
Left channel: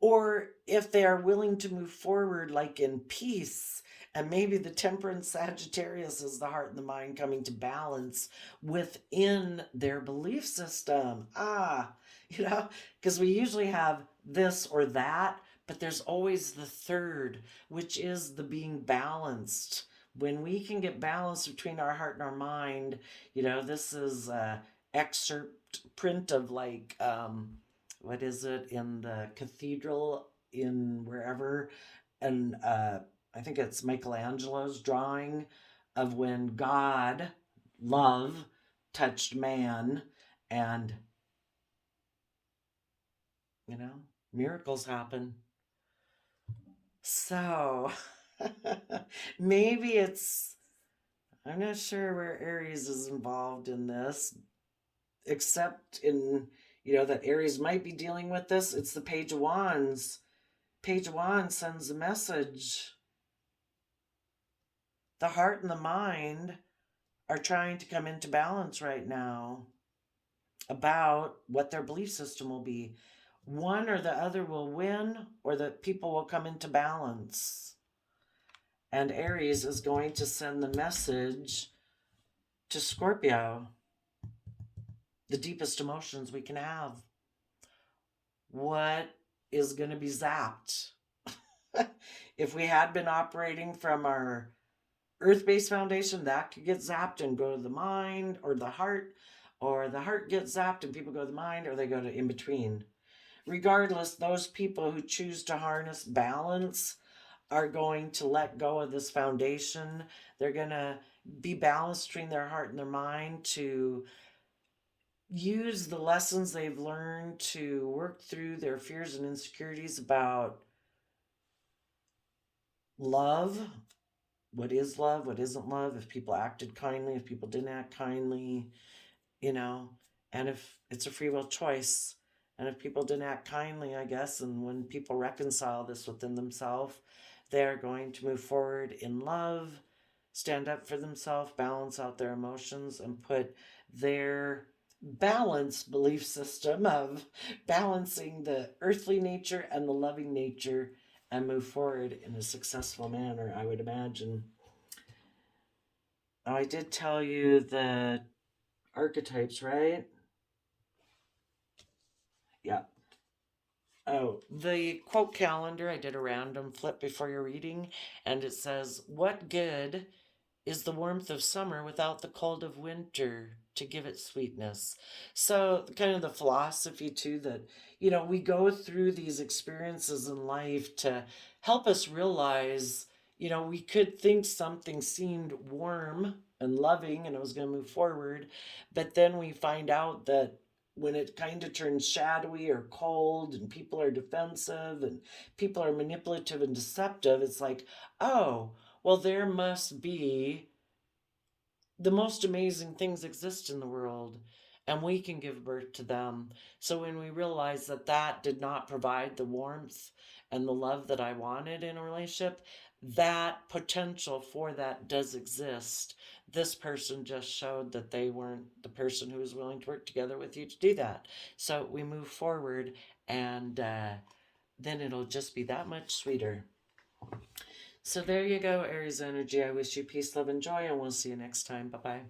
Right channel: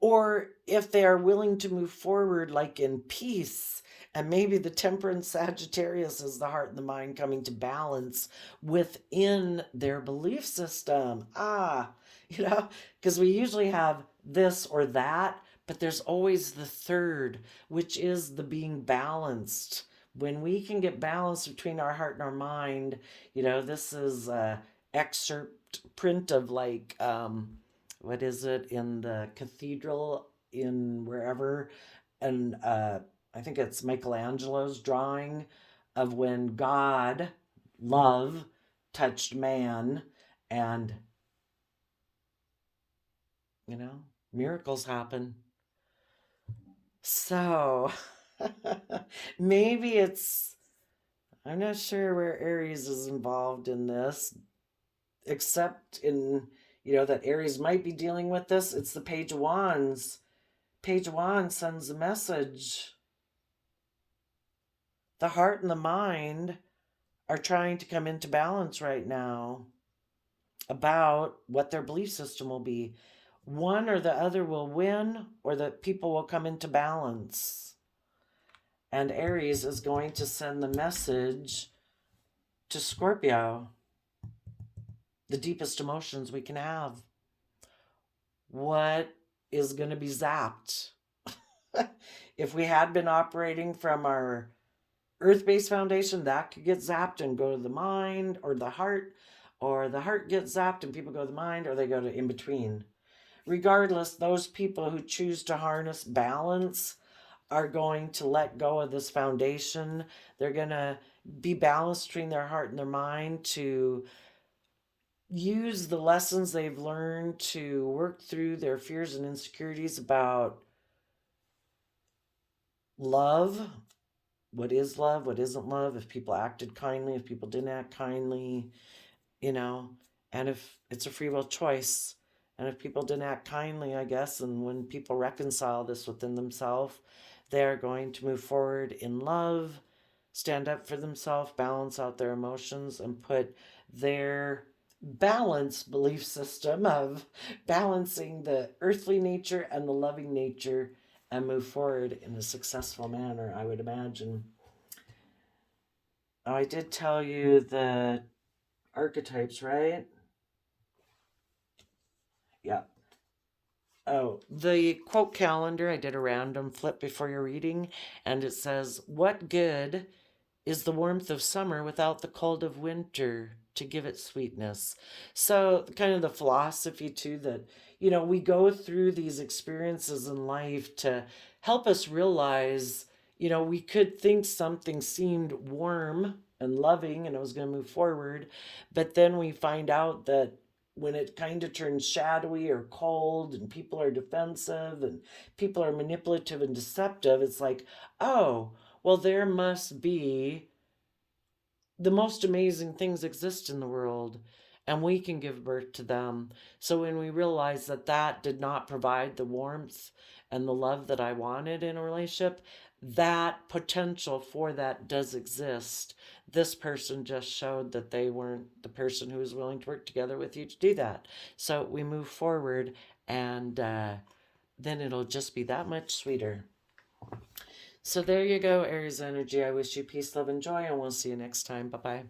Or if they are willing to move forward like in peace, and maybe the temperance Sagittarius is the heart and the mind coming to balance within their belief system. Because we usually have this or that, but there's always the third, which is the being balanced. When we can get balanced between our heart and our mind, this is a excerpt print of like, what is it, in the cathedral in wherever, and I think it's Michelangelo's drawing of when God, love, touched man, and miracles happen. So maybe I'm not sure where Aries is involved in this, except in that Aries might be dealing with this. It's the Page of Wands. Page of Wands sends a message. The heart and the mind are trying to come into balance right now about what their belief system will be. One or the other will win, or that people will come into balance. And Aries is going to send the message to Scorpio, the deepest emotions we can have. What is going to be zapped? If we had been operating from our earth-based foundation, that could get zapped and go to the mind or the heart gets zapped and people go to the mind, or they go to in between. Regardless, those people who choose to harness balance are going to let go of this foundation. They're going to be balanced between their heart and their mind to use the lessons they've learned to work through their fears and insecurities about love. What is love? What isn't love? If people acted kindly, if people didn't act kindly, and if it's a free will choice. And if people didn't act kindly, I guess, and when people reconcile this within themselves, they're going to move forward in love, stand up for themselves, balance out their emotions, and put their balanced belief system of balancing the earthly nature and the loving nature and move forward in a successful manner, I would imagine. I did tell you the archetypes, right? Yeah. Oh, the quote calendar, I did a random flip before your reading, and it says, "What good is the warmth of summer without the cold of winter to give it sweetness?" So, kind of the philosophy, too, that, we go through these experiences in life to help us realize, we could think something seemed warm and loving and it was going to move forward, but then we find out that when it kind of turns shadowy or cold and people are defensive and people are manipulative and deceptive, it's like, oh, well, there must be the most amazing things exist in the world and we can give birth to them. So when we realize that that did not provide the warmth and the love that I wanted in a relationship, that potential for that does exist. This person just showed that they weren't the person who was willing to work together with you to do that. So we move forward, and then it'll just be that much sweeter. So there you go, Aries energy. I wish you peace, love, and joy, and we'll see you next time. Bye-bye.